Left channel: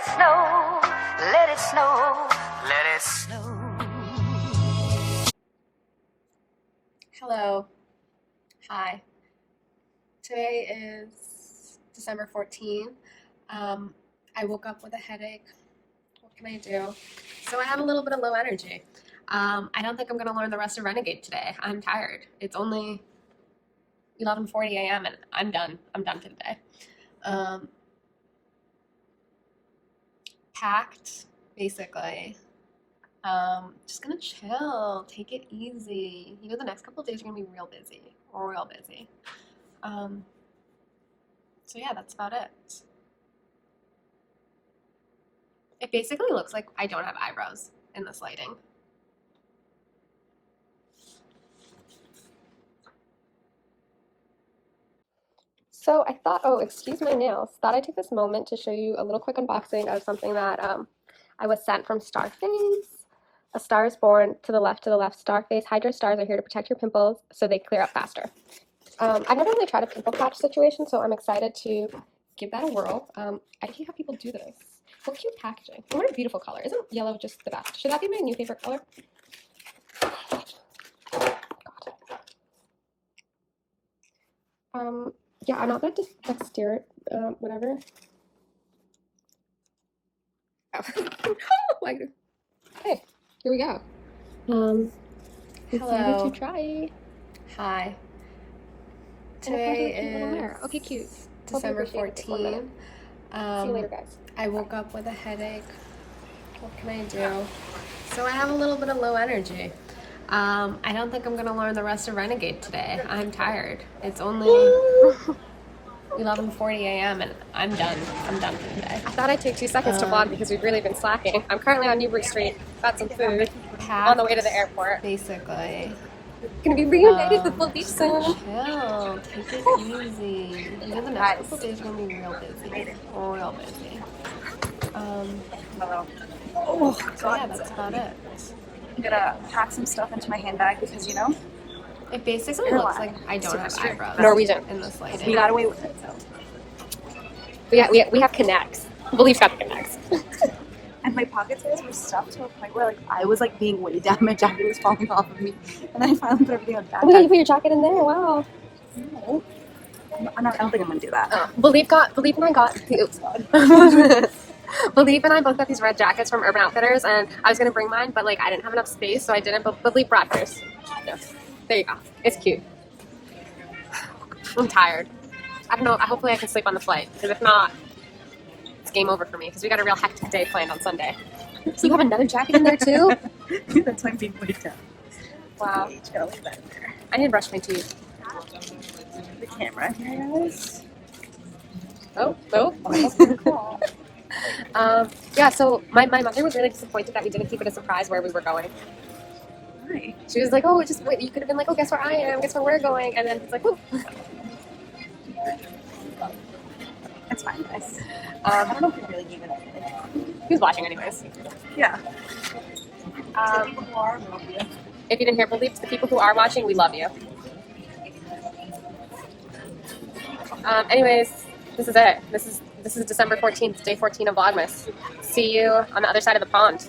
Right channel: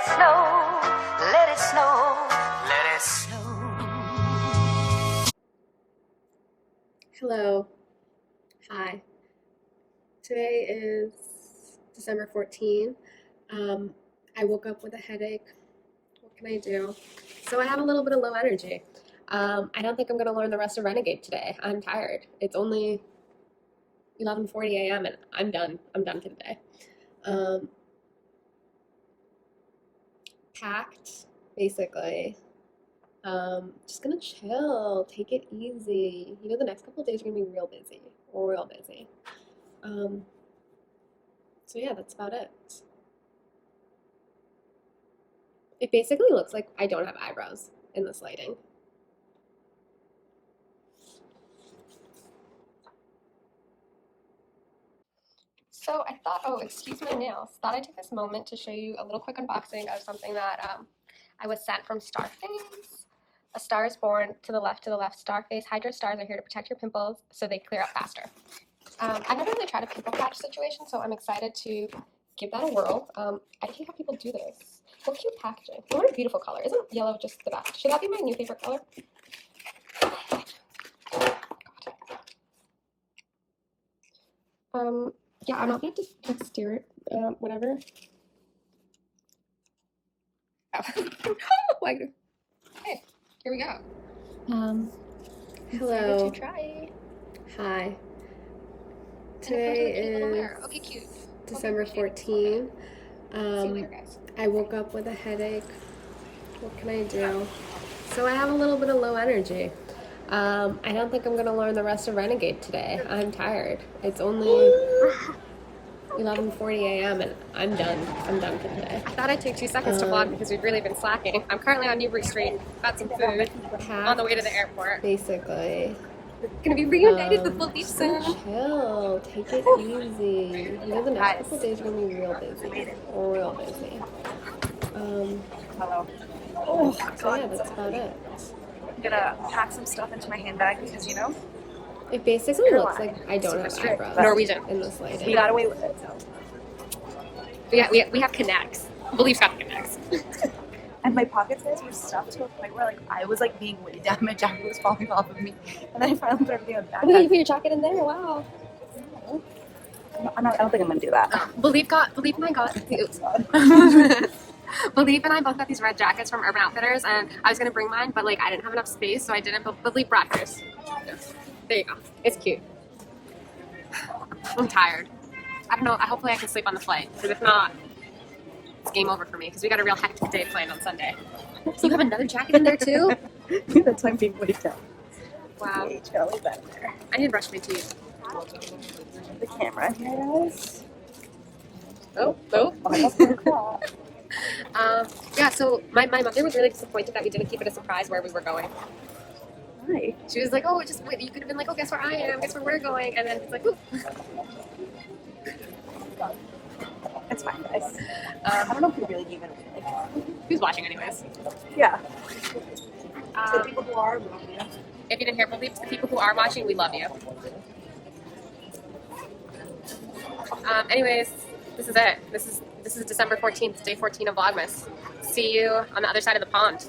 it snow, let it snow, let it snow. Hello. Hi. Today is December 14th. I woke up with a headache. What can I do? So I have a little bit of low energy. I don't think I'm going to learn the rest of Renegade today. I'm tired. It's only 11:40 a.m. and I'm done. I'm done for the day. Packed, basically. Just gonna chill, take it easy. You know, the next couple of days are gonna be real busy, real busy. So yeah, that's about it. It basically looks like I don't have eyebrows in this lighting. So I thought, oh, excuse my nails. Thought I'd take this moment to show you a little quick unboxing of something that I was sent from Starface. A star is born. To the left, Starface. Hydro stars are here to protect your pimples so they clear up faster. I've never really tried a pimple patch situation, so I'm excited to give that a whirl. I don't know how people do this. What cute packaging. What a beautiful color. Isn't yellow just the best? Should that be my new favorite color? God. Yeah, I'm not that dexterous, whatever. Oh. Like, okay, here we go. Hello. To try. Hi. Today is okay, cute. December 14th. See you later, guys. I woke up with a headache. What can I do? So I have a little bit of low energy. I don't think I'm gonna learn the rest of Renegade today. I'm tired. It's only 11:40 a.m. and I'm done. I'm done for the day. I thought I'd take 2 seconds to vlog because we've really been slacking. I'm currently on Newbury Street. Got some food on the way to the airport. Basically. Gonna be reunited with Baldeep soon. Chill. Take it easy. You know, the next couple days are gonna be real busy. Real busy. Hello. Oh, so yeah, that's about it. I'm gonna pack some stuff into my handbag because, you know, it basically looks like I don't have eyebrows. Norwegian in this lighting. We got away with it, so. We have connects. Baldeep's got the connects. And my pocket size were stuffed to a point where, like, I was, like, being weighed down. My jacket was falling off of me. And then I finally put everything on the backpack. Oh, you put your jacket in there? Wow. No. I don't think I'm gonna do that. Oh. Baldeep and I got... Oops. Baldeep and I both got these red jackets from Urban Outfitters, and I was gonna bring mine, but, like, I didn't have enough space, so I didn't, but Baldeep brought hers. There you go. It's cute. I'm tired. I don't know. Hopefully I can sleep on the flight, because if not, it's game over for me, because we got a real hectic day planned on Sunday. So you have another jacket in there, too? That's why I'm being weighed down. Wow. I need to brush my teeth. The camera here, guys. Oh. Yeah, so my mother was really disappointed that we didn't keep it a surprise where we were going. Hi. She was like, oh, just wait, you could have been like, oh, guess where I am, guess where we're going, and then it's like, whoop. That's fine, guys. I don't know if we really gave it away. Who's watching anyways? Yeah. The people who are, love you. If you didn't hear Baldeep, the people who are watching, we love you. Anyways, this is it. This is December 14th, day 14 of Vlogmas. See you on the other side of the pond.